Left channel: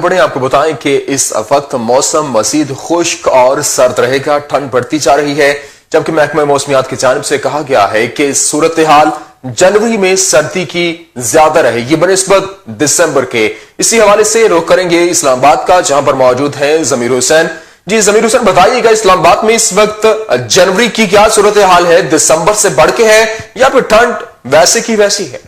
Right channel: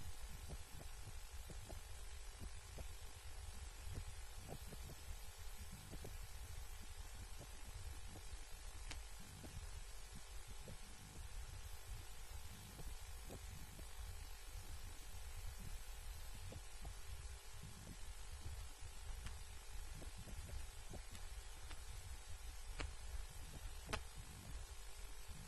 बढ़े, आपको बताएं कि इस वक्त मौसम मजीद खुश्क और सर्द रहेगा। ठंड बढ़ती जा रही है, जबकि महकमा मौसमियात की जानिब से कहा गया है कि सूरत हाल जनवरी में सर्दी की ज्यादा रहेगी बनिस्बत दिसंबर के। इसी हवाले से रुख करेंगे इस्लामाबाद का, जहां पर मौजूद है जमीर हुसैन। जी जमीर हुसैन, बताइएगा इस्लामाबाद में इस वक्त जनवरी की क्या सूरत हाल है? दिसंबर से बढ़ के है या फिर ठंड वैसे की वैसी है?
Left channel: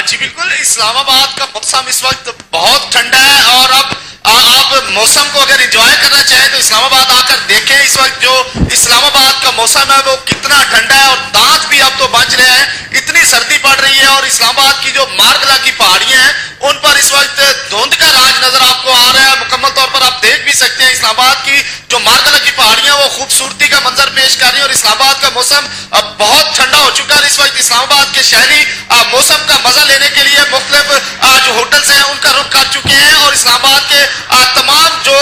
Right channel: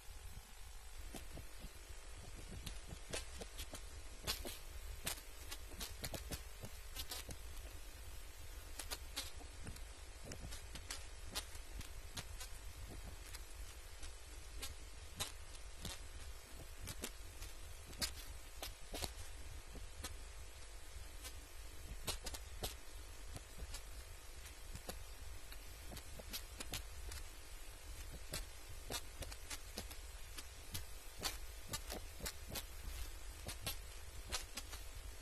जी बिल्कुल, इस्लामाबाद का मौसम इस वक्त बहुत ठंडा है और अब आप मौसम को अगर एंजॉय करना चाहें तो इस्लामाबाद आकर देखें। इस वक्त जो इस्लामाबाद का मौसम है वो कितना ठंडा है और दांत भी अब तो बच रहे हैं, इतनी सर्दी पड़ रही है। और इस्लामाबाद की जो मारगला की पहाड़ियां हैं उन पर इस वक्त धुंध का राज नजर आपको आ रहा है। मुकम्मल तौर पर आप देख भी सकते हैं इस्लामाबाद की जो मारगला की पहाड़ियां वो खूबसूरती का मंजर पेश कर रही है और इस्लामाबाद का मौसम अब बहुत ठंडा हो चुका है। इस वक्त इस्लामाबाद के शहरी मौसम का मजा लेने के लिए मुख्तलिफ जो होटल्स हैं उनका रुख कर चुके हैं और इस्लामाबाद के तमाम जो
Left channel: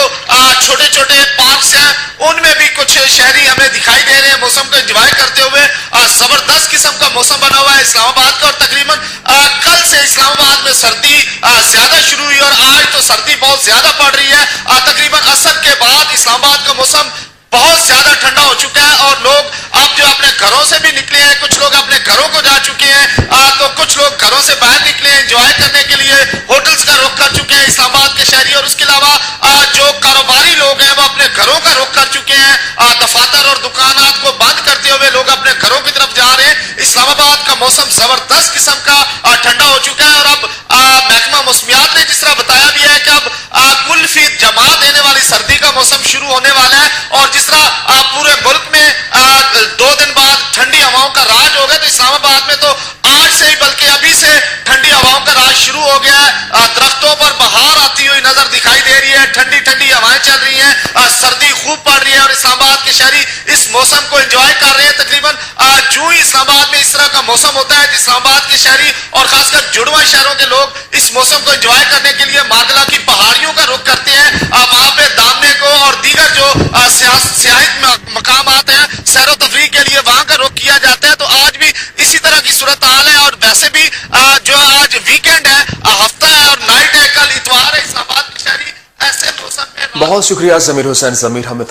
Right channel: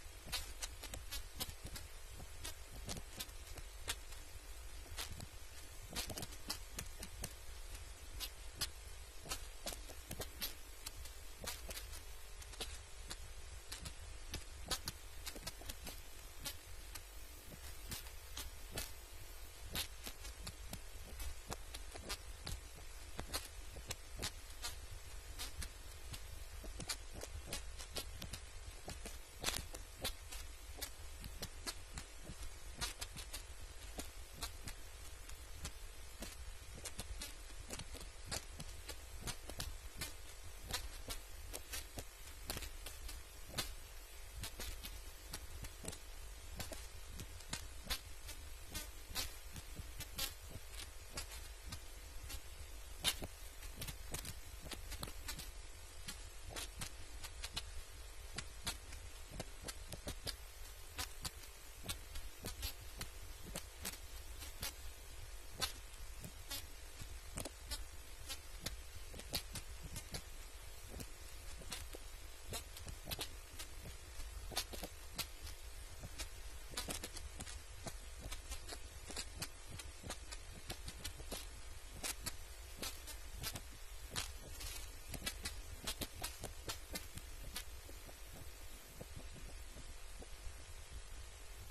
छोटे छोटे पार्क्स हैं उनमें भी कुछ शहरी हमें दिखाई दे रहे हैं मौसम को एंजॉय करते हुए। जबरदस्त किस्म का मौसम बना हुआ है इस्लामाबाद का और तकरीबन कल से इस्लामाबाद में सर्दी ज्यादा शुरू हुई और आज तो सर्दी बहुत ज्यादा पड़ रही है। तकरीबन असर के बाद इस्लामाबाद का मौसम बहुत ज्यादा ठंडा हो चुका है और लोग अब जो अपने घरों से भी निकले हैं, कुछ लोग अपने घरों को जा चुके हैं, तो कुछ लोग घरों से बाहर निकले हैं एंजॉय करने के लिए, होटल्स का रुख कर चुके हैं इस्लामाबाद के शहरी। और उसके अलावा जो कारोबारी लोग हैं वो अपने घरों का रुख कर चुके हैं। दफातर और दुकानात को बंद करते हुए लोग अपने घरों की तरफ जा रहे हैं। इस्लामाबाद का मौसम जबरदस्त किस्म का ठंडा हो चुका है और अब महकमा मौसमियात ने जिस तरह बताया भी है कि अब कुल्फी जमा देने वाली सर्दी का मौसम शुरू होने वाला है और जिस तरह पूरे मुल्क में 2 दिन बाद ठंडी हवाओं का राज हो गया तो इस्लामाबाद में तो आज से ही बल्कि अभी से ठंडी हवाओं का राज शुरू हो गया है। दरख्तों पर बहार आती हुई नजर दिखाई दे रही है, ठंडी ठंडी हवाएं चल रही हैं, सर्दी खूब पड़ रही है और इस्लामाबाद के शहरी इस मौसम को एंजॉय कर रहे हैं। तकरीबन जो ही इस्लामाबाद में इस तरह का मौसम होता है तो इस्लामाबाद के शहरी और खासकर जुड़वा शहरों के लोग इस मौसम को एंजॉय करने के लिए मारगला की पहाड़ियों का रुख करते हैं। वहां पे दामने को और दीगर जो सियाहत मकाम आते हैं सैर तफरीह के लिए वहां का रुख किया जाता है। तो आज भी इसी तरह की सूरत हाल है और वैसे भी जो आज वीकेंड है, हफ्ता है और नाइट है, कल इतवार है, इस्लामाबाद के शहरी ऐसे मौसम में। बहुत शुक्रिया जमीर हुसैन। जमीर हमें